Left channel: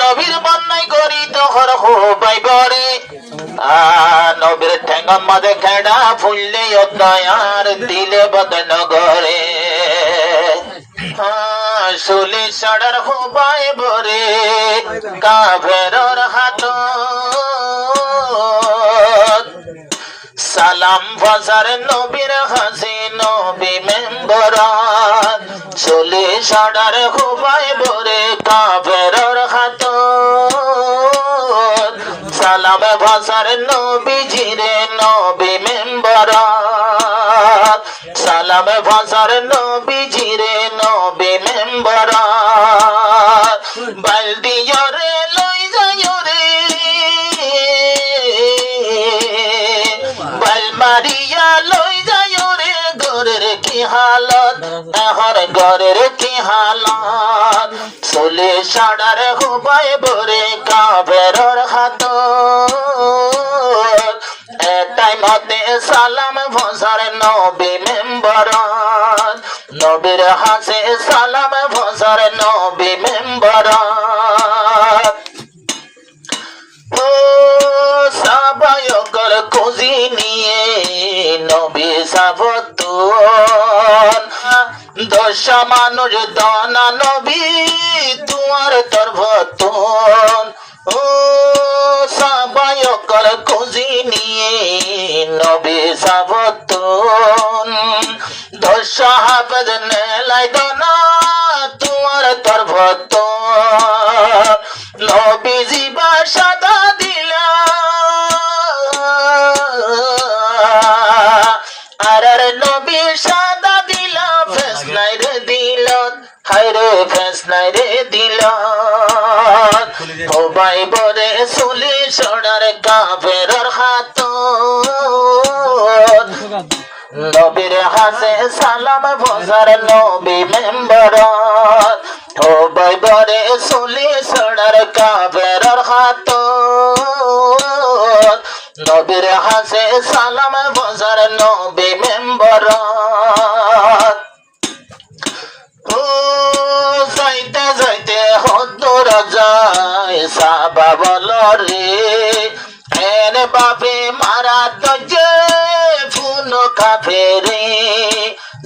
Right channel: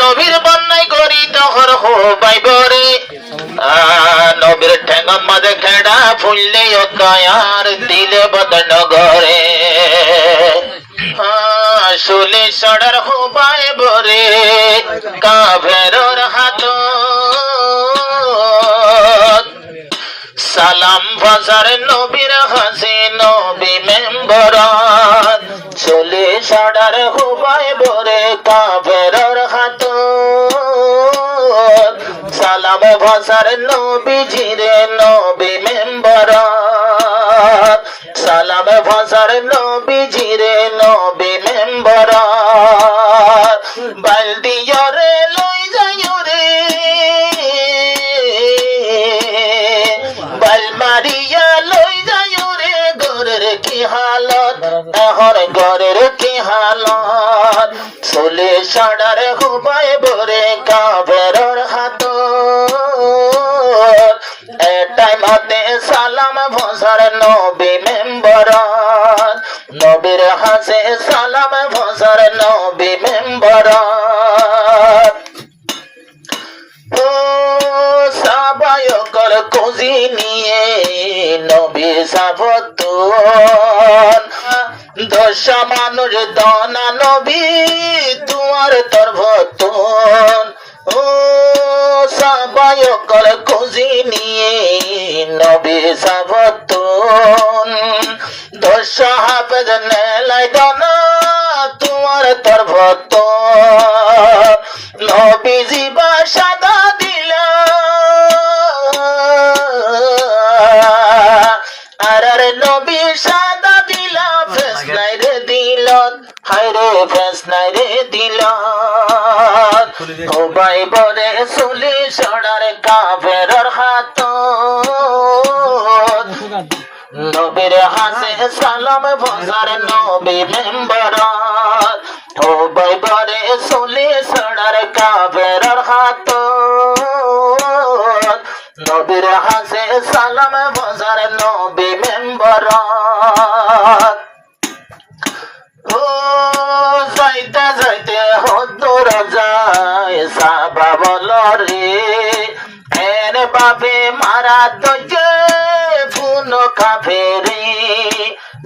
নবীর বন্যাই করি তখন হবাই বরে নবীর ঠেঙ্গন মাঝে খেড়া ফুললে অজ্ঞার দিলে বদন গরে শুলে সড়ার হবাই বরে কাভেরর হাত সালাম ফাসার নবীর হাসি নবী মেম্বরাত চলে সড়ার হবাই বরে কাভেরর হাত সালাম ফাসার নবী জিরে নবী মেম্বরাত সালাম ফাসার নবী জিরে নবী মেম্বরাত বালদিয়ারে লই যায়রে মারিয়া লই যায় রে গরের কি হালত এখন গরের কি হালত চলে সাড়ার হুবাই বরে কাভেরর হাত এটাই মতে সালাম ভসার নবী মেম্বর নবীর হাসে সালাম ভসার নবী মেম্বর খুঁজি নিয়ে নবী সাবতুন দশা মানুষ দানা নবী তোমার তরভতুন ও সাবায়কর খুঁজি নিয়ে নবী সাবতুন দশা হাফেজ নেলাই দানা তোমার তরভতুন নবী জীবা সাদা দিলা নবী সাদা দিলা ফেস নাই রে দিলত হায়রে ফেস নাই রে দিলত ও ভাই বরে চলি সড়ার কাফেরর হাত নবীর হাসে সালাম ভজার নবী মেম্বর ও ভাই বরে চলি সড়ার কাফেরর হাত নবীর হাসে সালাম ভজার নবী মেম্বর ও যাইতে যাইতে হদুর যায় সাবা বল রে এর বাপে মারা তো যে ফুন খাফে রে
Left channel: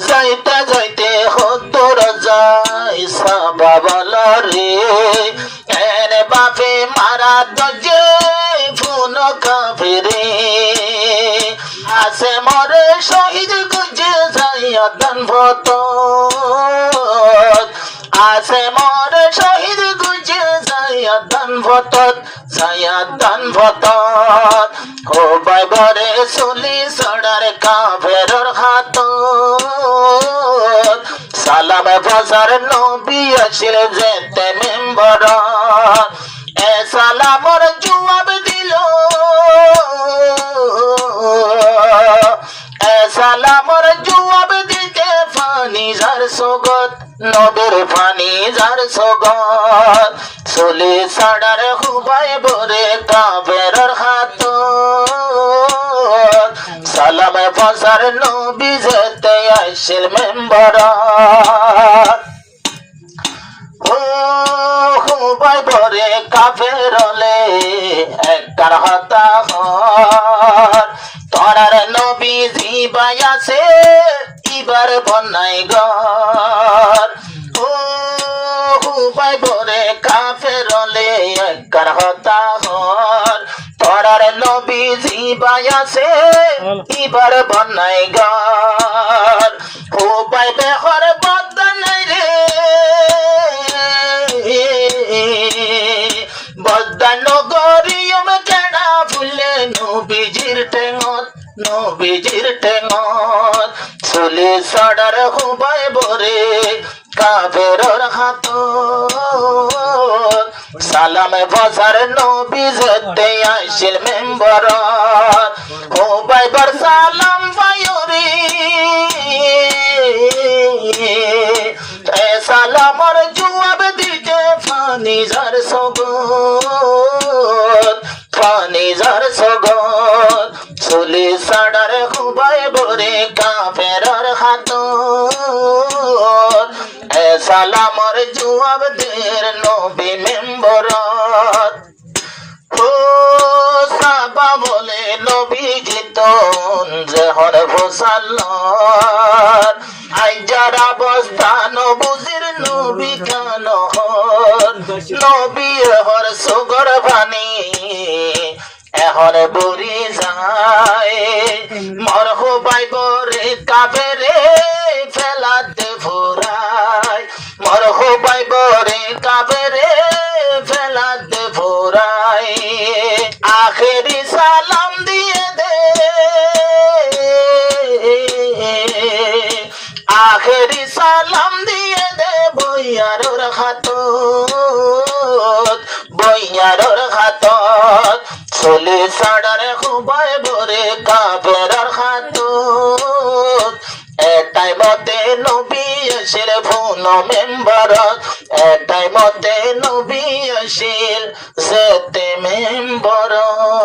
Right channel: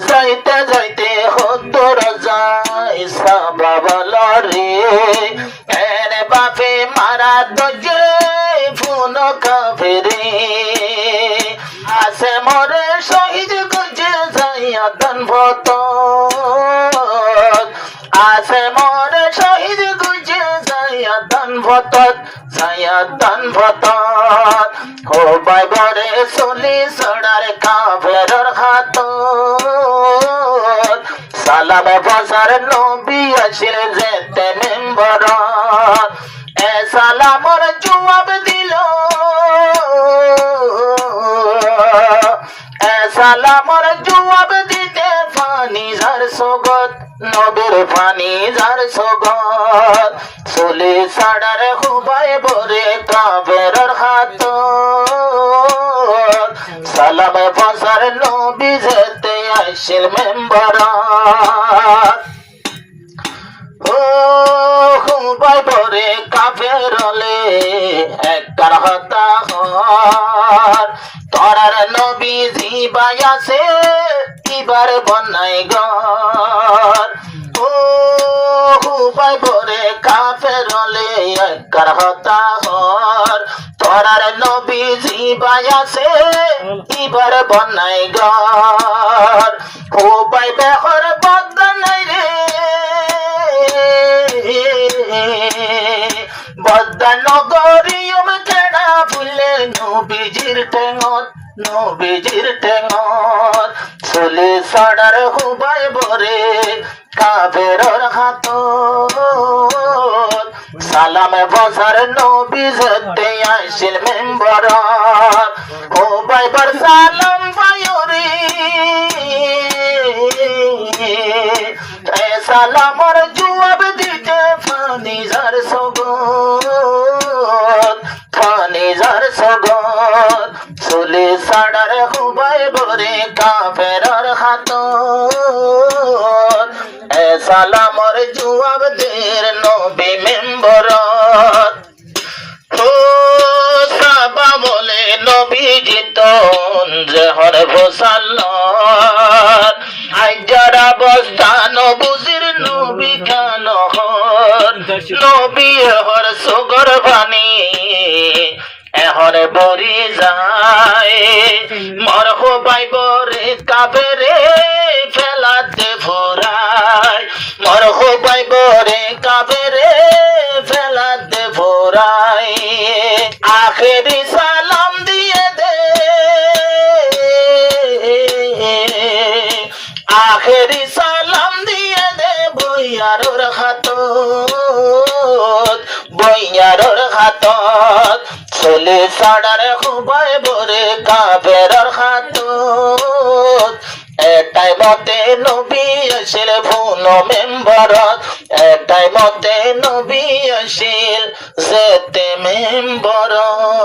যাইতে যাইতে হদুর যায় সাবা বল রে এর বাপে মারা তো যে ফুন খাফে রে আসে মরে শহীদ গুজে যাইয়া দান ভত আসে মরে শহীদ গুজে যাইয়া দান ভত যাইয়া দান ভত ও ভাই বরে চলি সড়ার কাভেরর হাত সালাম ফাসার নবী আসিল যেতে মেম্বর এ সালামর জবাব দিল সালামর জবাব দিতে ফানি যার সগত নবীর ফানি যার সগত চলে সাড়ার হুবাই বরে কাভেরর হাত সালাম ফাসার নবী যেতে আসিল মেম্বর ও হুবাই বরে কাফেরলে একটার হতা হর তোরার নবী জিবাই আছে এবার বন্যাই ঘর ও হুবাই বরে কাফেরলে একটার হতা হর তোরার নবী জিবাই আছে এবার বন্যাই ঘর হুবাই বেহর বদনাই রে বদনগরিয়ম কেডা ফুলে নবীজির ঠেঙত নবীজির ঠেঙত চলে সাড়ার হুবাই বরে কাফেরর হাত সালাম ফাসার নবী যেতে আসিল মেম্বর হুবাই বর সালাম বায়ুরি সালামর জবাব দিতে ফানি যার সগত ফানি যার সগত চলে সাড়ার হুবাই বরে কাফেরর হাত সালামর জবাব দের যে হরে ভোসাল্লার আই যারা বস্তান বুজির নবী খান হর নবী হর সুগর বাণী এহরে বরি যায় মরহ বাইবরে কাবেরে ফেলাতে ফোরায় মরহ বাইবরে কাবেরে ফেলাতে ফোরায় আখেরি সালাম দিয়ে দে আখেরি সালাম দিয়ে দে বইয়ারোর হাতত চলি সাড়ার খুবাই বরে কাবেরর হাতত এটাই মতে নবী আসিল ফোন মেম্বরত এটাই মতে নবী আসিল যেতে মেম্বরত